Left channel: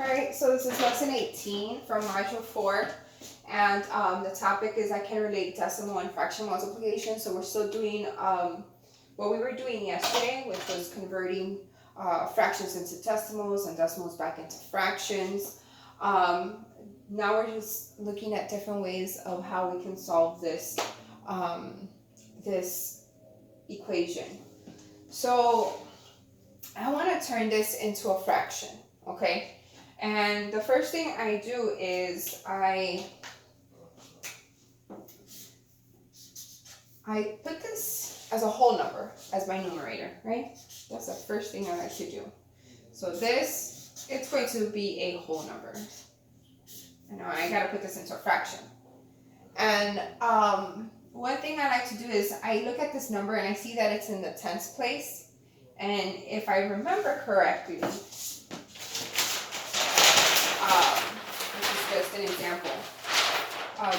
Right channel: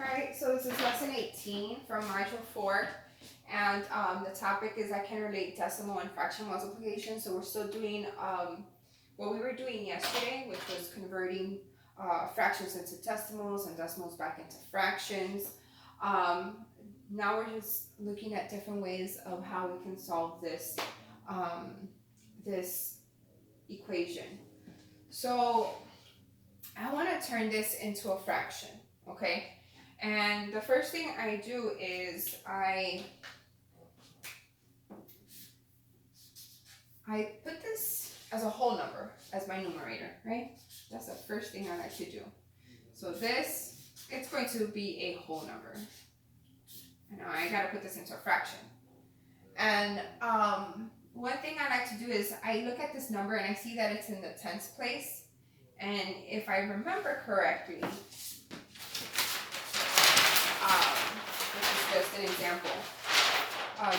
Alright, so this is lesson 18 from module 4. And the topic is I can relate decimal and fraction multiplication. So we're still doing what we were doing yesterday, which was converting fractions into decimals and decimals back into fractions. Now we're just looking at different ways of how we can solve this this equation. So I want to turn this into a fraction, okay? And the first thing I do is I put this as a whole number as my numerator, right? That's the first thing I like to do. So this, it's going to be a whole number. I know I gotta put this into a fraction. And one thing I like to do is I look at this number and I see that it's in the tens place. And if I remember correctly, this is just an example,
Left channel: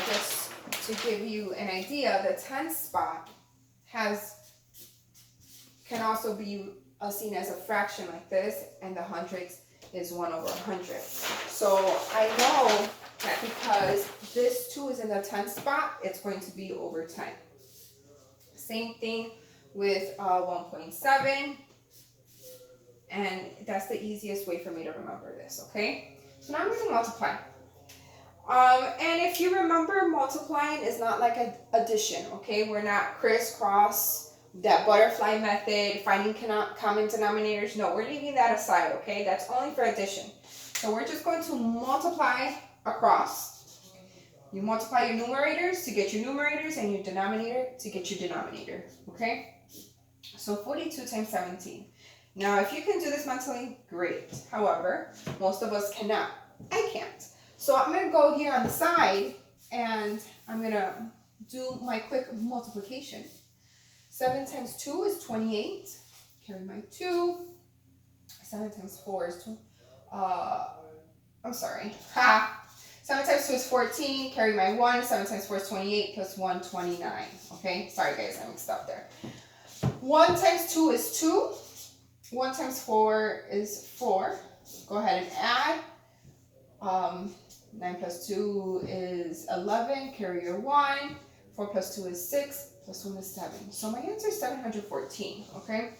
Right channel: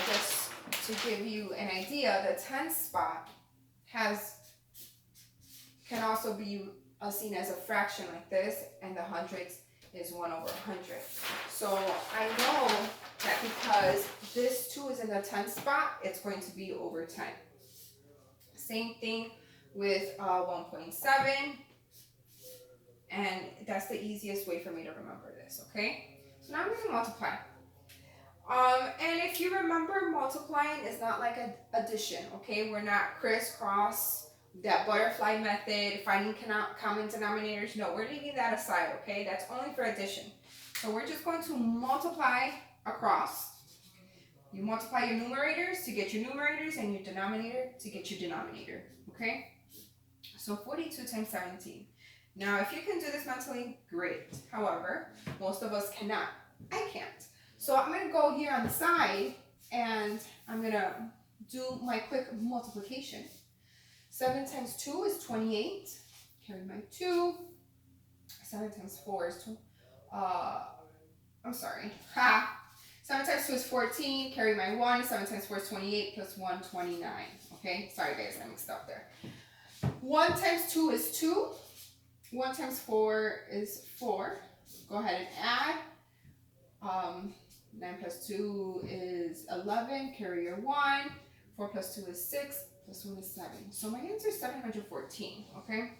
just to give you an idea, the tens spot can also be seen as a fraction like this, and the hundredths is 1 over 100. So I know that because this 2 is in the tens spot, it's going to be over 10. Same thing with 1.7. And that's the easiest way for me to remember this, okay? So now I'm going to multiply. And if you remember, multiplying is not like an addition, okay? We're not crisscross, that butterfly method, finding common denominators. No, we're leaving that aside, okay? That's only for addition. So we're just going to multiply across. You multiply your numerators to get your numerators and your denominator to get your denominator, okay? So 42 times 17. Now, if you can do this mentally, great. However, most of us cannot. I can't. So I'm going to go here on the side, and I'm going to do my quick multiplication. 7 times 2 is 28. Carry my 2. 7 times 4 is 2. I'm sorry. 7 times 2 is 14. Carry my 1. 7 times 4 is 28 plus 1, 29. Okay? Sorry, guys. I mixed up there. 1 times 2 is 2. 1 times 4 is 4. Go ahead and add. 9 plus 2 is 11. Carry your 1. 4 plus 2 is 6. Plus 1 is 7. So my answer is 714. Okay?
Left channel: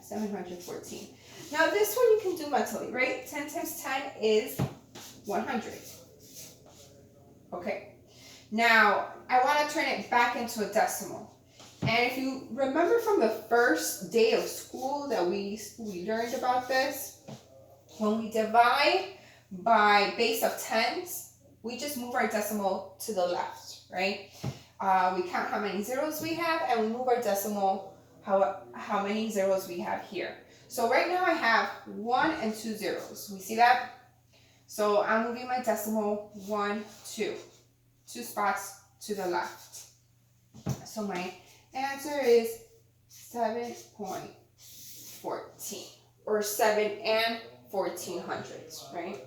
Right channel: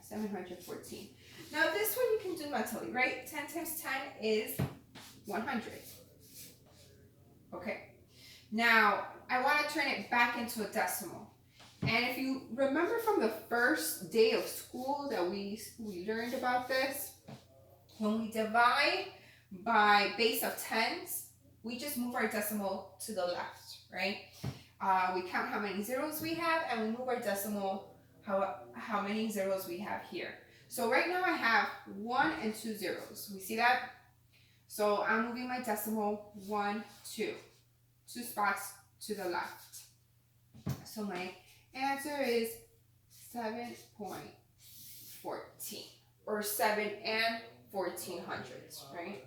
714. Now this one you can do mentally, right? 10 times 10 is 100. Okay. Now I want to turn it back into a decimal. And if you remember from the first day of school that we learned about this, when we divide by base of tens, we just move our decimal to the left, right? We count how many zeros we have, and we move our decimal how many zeros we have here. So right now I have 1 and 2 zeros. We see that? So I'm moving my decimal 1, 2. 2 spots to the left. So my answer is 7.14, or 7 and 14 hundredths, right?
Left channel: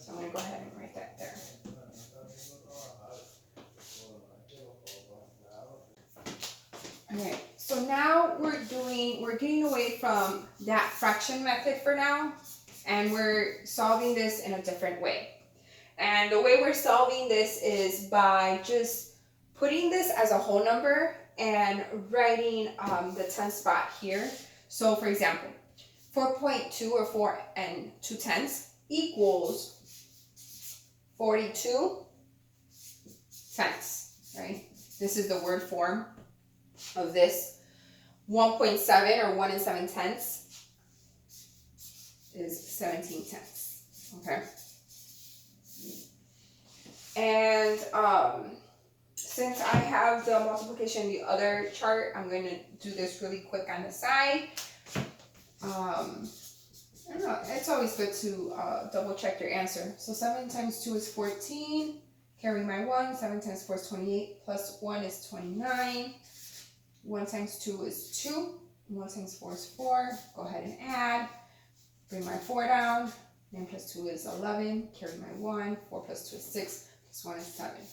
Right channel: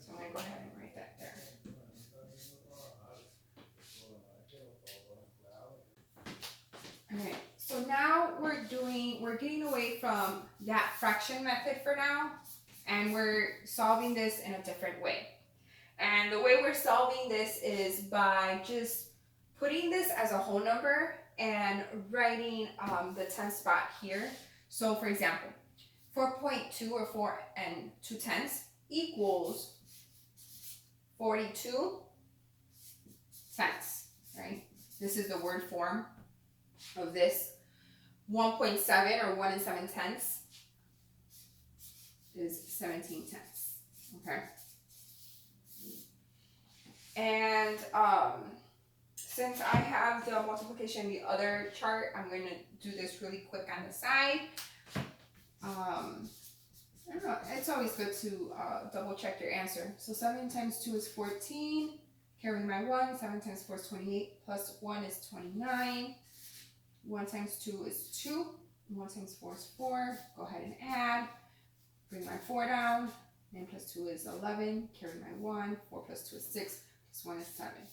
So I'm going to go ahead and write that there. All right, so now we're getting away from that fraction method for now, and we're solving this in a different way. And the way we're solving this is by just putting this as a whole number and writing the 10 spot here. So for example, 4.2 or 4 and 2 tenths equals 42 tenths, right? This is the word form of this. 1.7 or 1 and 7 tenths is 17 tenths, okay? And since I have the multiplication in the other chart, I'm going to do this really quick on the side. I don't know, it's always good to double check your answer. So 7 times 2 is 14. Carry my 1. 7 times 4 is 28. Plus 1 is 29. 1 times 2 is 2. 1 times 4 is 4. Go ahead and add. Bring my 4 down. 9 plus 2 is 11. Carry my 1. 4 plus 2 is 6. Plus 1 is 7.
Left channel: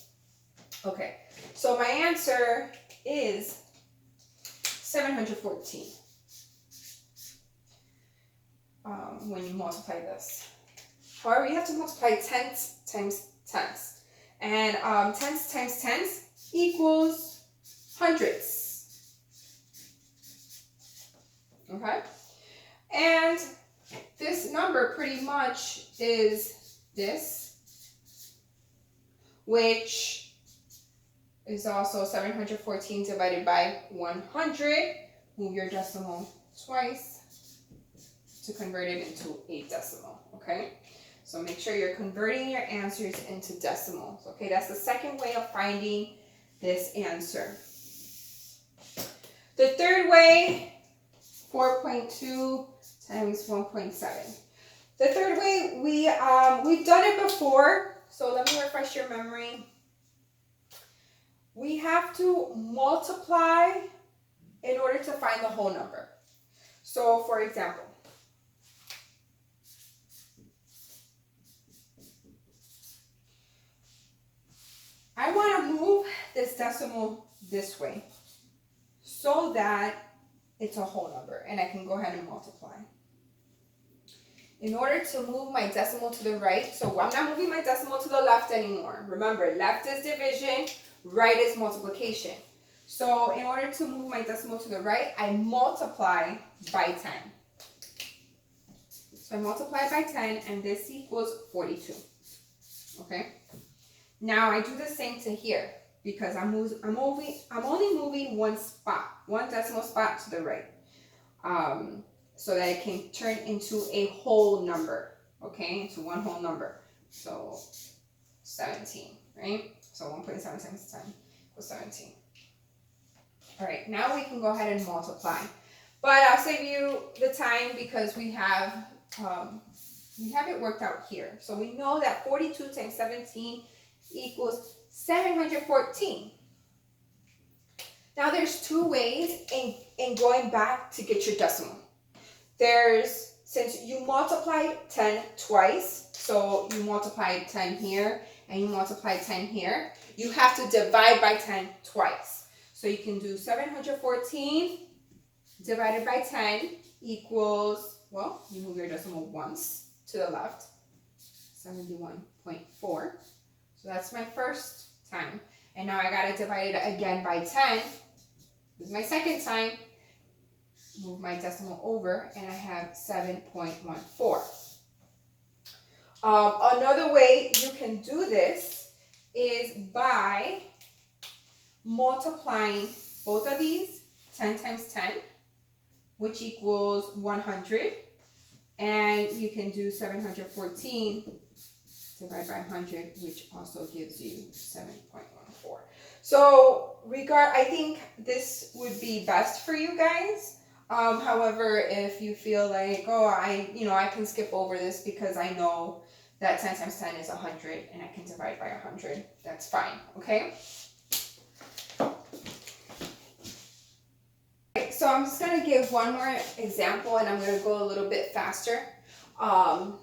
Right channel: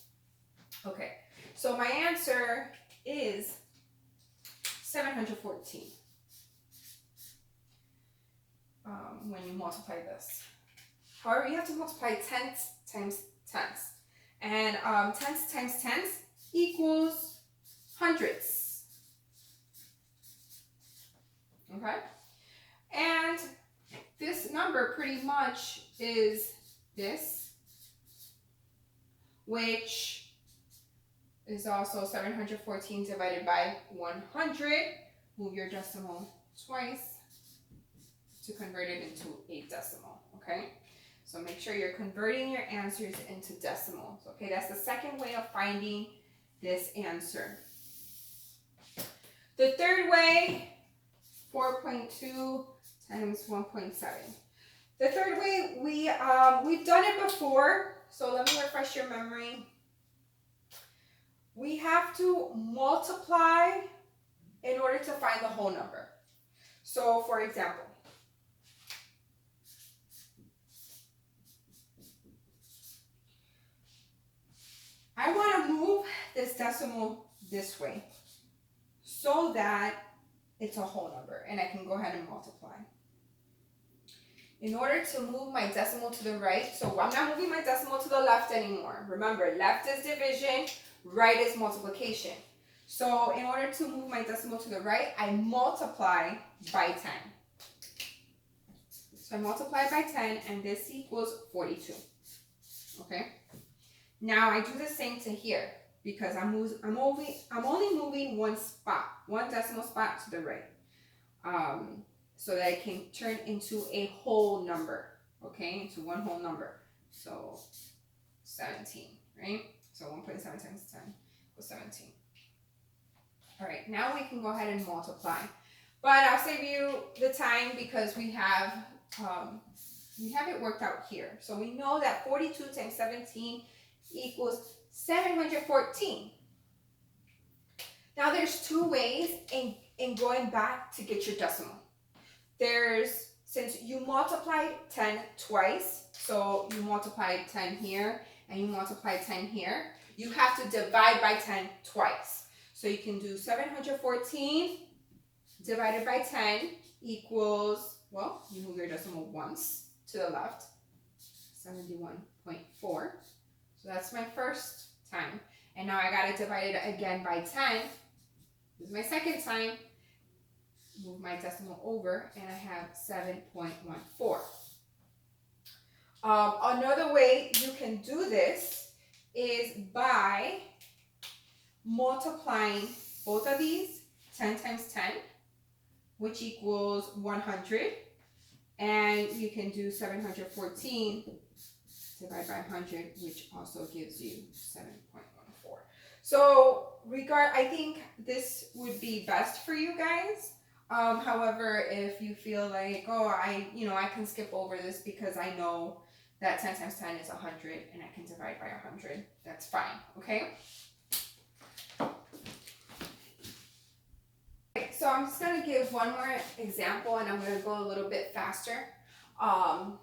Okay, so my answer is 714 when you multiply this. However, you have to multiply tenths times tenths. And tenths times tenths equals hundredths. Okay? And this number pretty much is this, which is also 714 divided by 100. Move your decimal twice to convert it into a decimal, okay? So make sure you're converting your answers into decimals, okay? That's the second way of finding this answer. The third way, 4.2 times 1.7. The third way, we've done it before, so let me refresh your memory. We have to multiply in order to find the whole number. So for example, I want to move this decimal this way so that it's a whole number and I can go ahead and multiply. In order to move my decimal to the right, so I'm not moving my decimal to the left anymore. Remember, left is division, right is multiplication. So in order to move my decimal to the right, I multiply by 10. So I multiply by 10 and this equals 42. Okay? Now I do the same to here because I'm only moving one spot, one decimal spot to the right. So that it can turn into a whole number, okay? Into one whole number. So 17, right? So 1.7 times 10 equals 17. All right, now we can go ahead and multiply. But I'll save you the time because we have it worked out here. So we know that 42 times 17 equals 714. Now there's two ways in going back to get your decimal. Since you multiplied 10 twice, so you multiplied 10 here and you multiplied 10 here, you have to divide by 10 twice. So you can do 714 divided by 10 equals, well, you move your decimal once to the left, 71.4. So that's my first time. And now I gotta divide it again by 10. This is my second time. Move my decimal over and I have 7.14. Another way you can do this is by multiplying both of these, 10 times 10, which equals 100. And you can do 714 divided by 100, which also gives you 7.14. So I think this would be best for you guys. However, if you feel like, oh, I can skip over this because I know that 10 times 10 is 100 and I can divide by 100, that's fine, okay? So I'm just going to give one more example and I'm going to go a little bit faster.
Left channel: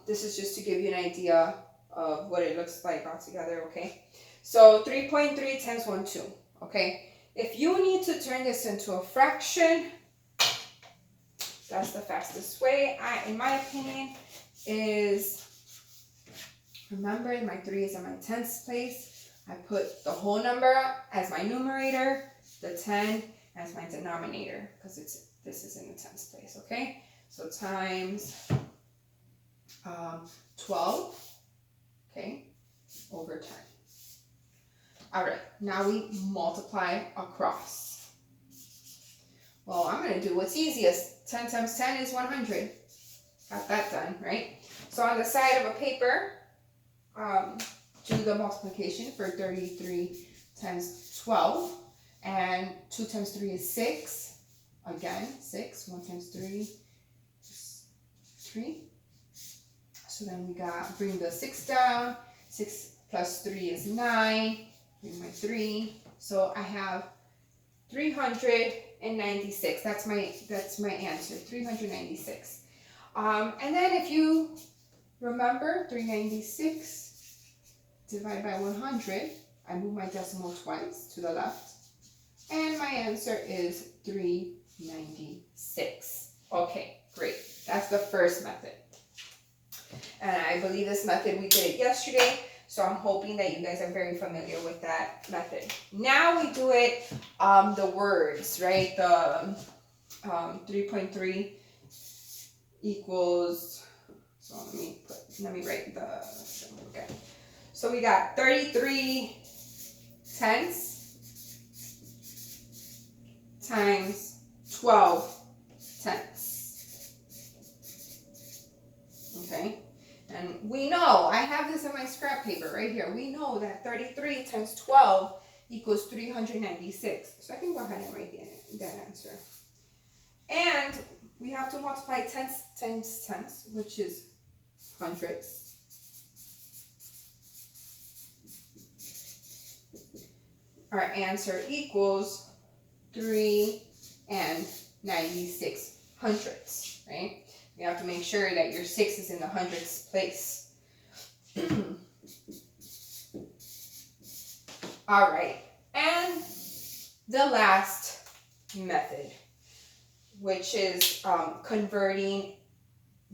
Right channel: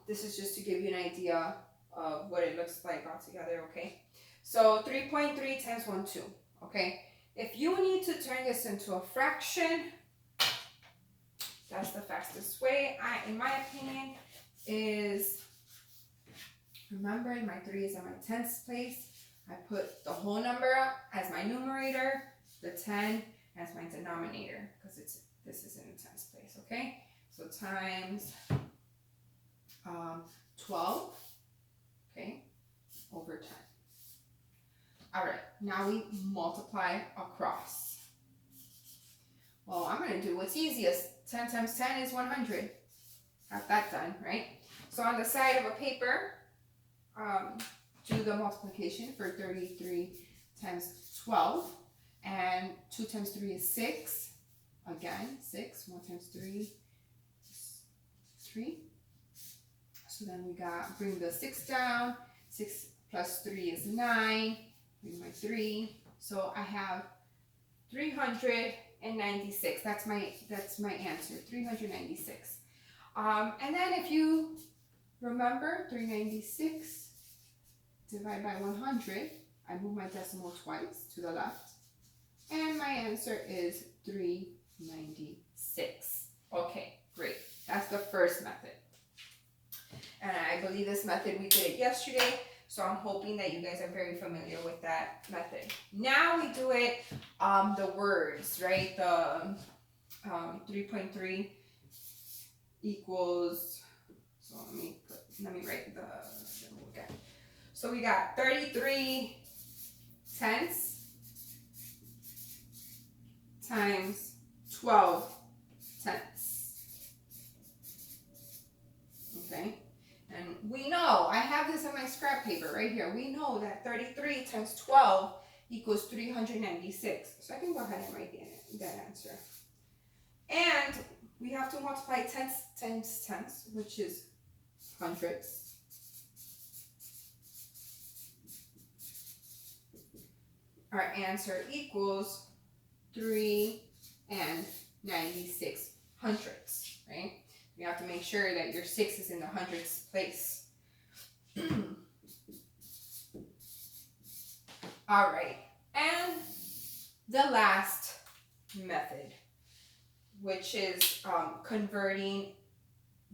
This is just to give you an idea of what it looks like altogether, okay? So 3.3 times 1, 2, okay? If you need to turn this into a fraction, that's the fastest way, in my opinion, is, remember my 3 is in my tenths place. I put the whole number as my numerator, the 10 as my denominator, because this is in the tenths place, okay? So times 12, okay, over 10. All right, now we multiply across. Well, I'm going to do what's easiest. 10 times 10 is 100. Got that done, right? So on the side of a paper, do the multiplication for 33 times 12. And 2 times 3 is 6. Again, 6. 1 times 3 is 3. So then we bring the 6 down. 6 plus 3 is 9. Bring my 3. So I have 396. That's my answer. 396. And then if you remember, 396 divided by 100, I move my decimal twice to the left. And my answer is 396. Okay, great. That's the first method. And I believe this method, we did it yesterday. So I'm hoping that you guys are very familiar with that method. Now we do it, the words, right? The 3.3 equals, so let me write the, okay. So we got 33 tenths times 12 tenths. Okay, and we know, I have this in my scrap paper right here. We know that 33 times 12 equals 396. So I can go ahead and write that answer. And we have to multiply tenths times tenths, which is hundredths. Our answer equals 3 and 96 hundredths, right? You have to make sure that your 6 is in the hundredths place. All right, and the last method, which is converting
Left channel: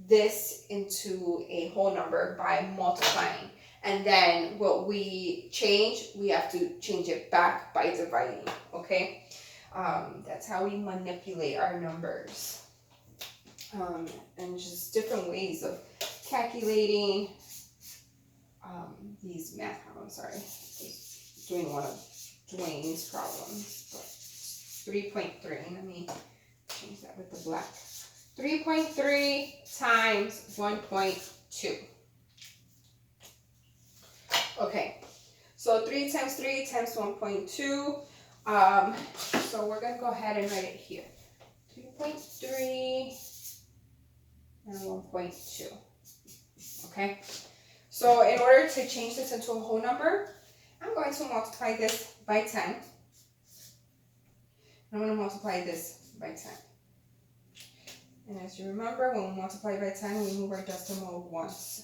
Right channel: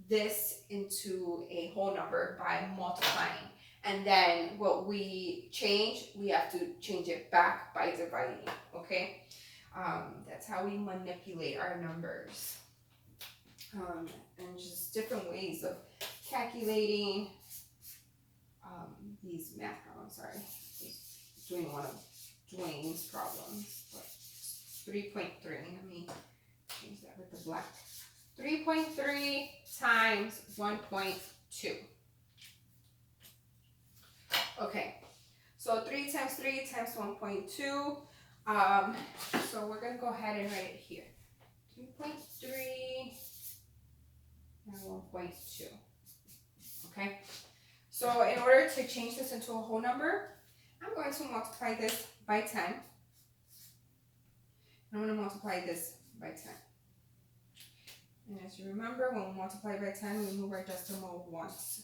this into a whole number by multiplying. And then what we change, we have to change it back by dividing, okay? That's how we manipulate our numbers. And just different ways of calculating these math problems. Sorry, I was doing one of Dwayne's problems, but 3.3, let me change that with the black. 3.3 times 1.2. Okay, so 3 times 3 times 1.2. So we're gonna go ahead and write it here. 3.3 and 1.2. Okay, so in order to change this into a whole number, I'm going to multiply this by 10. I'm going to multiply this by 10. And as you remember, when we multiply by 10, we move our decimal once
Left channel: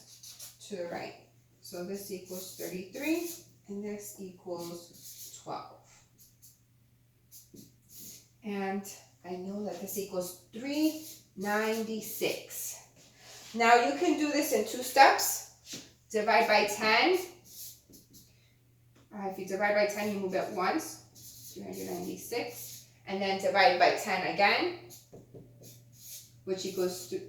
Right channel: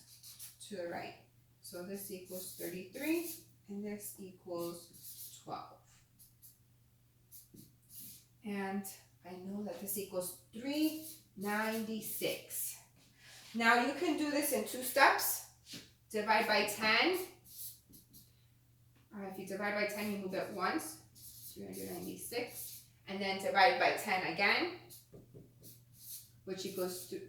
to the right. So this equals 33, and this equals 12. And I know that this equals 396. Now you can do this in 2 steps. Divide by 10. If you divide by 10, you move it once, 396. And then divide by 10 again, which equals to,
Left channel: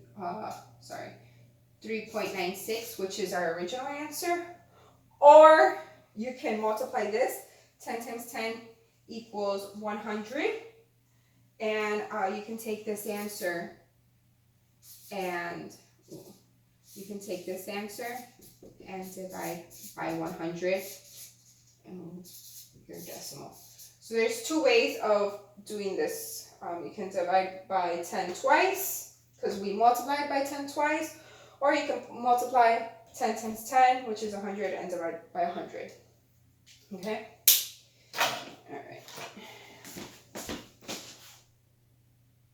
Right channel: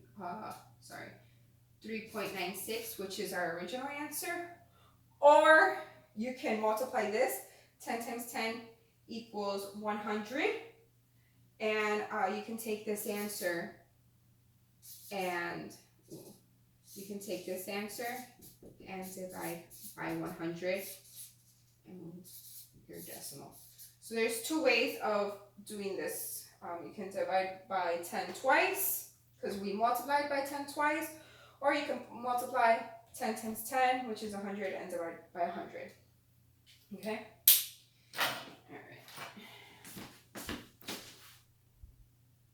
3.96, which is our original answer. Or you can multiply this. 10 times 10 equals 100. And you can take this answer and divide by 100 and move your decimal. So there's 2 ways of doing this. You can divide by 10 twice, because we multiplied by 10 twice, or you can multiply 10 times 10, which is 100, and divide by 100. Okay?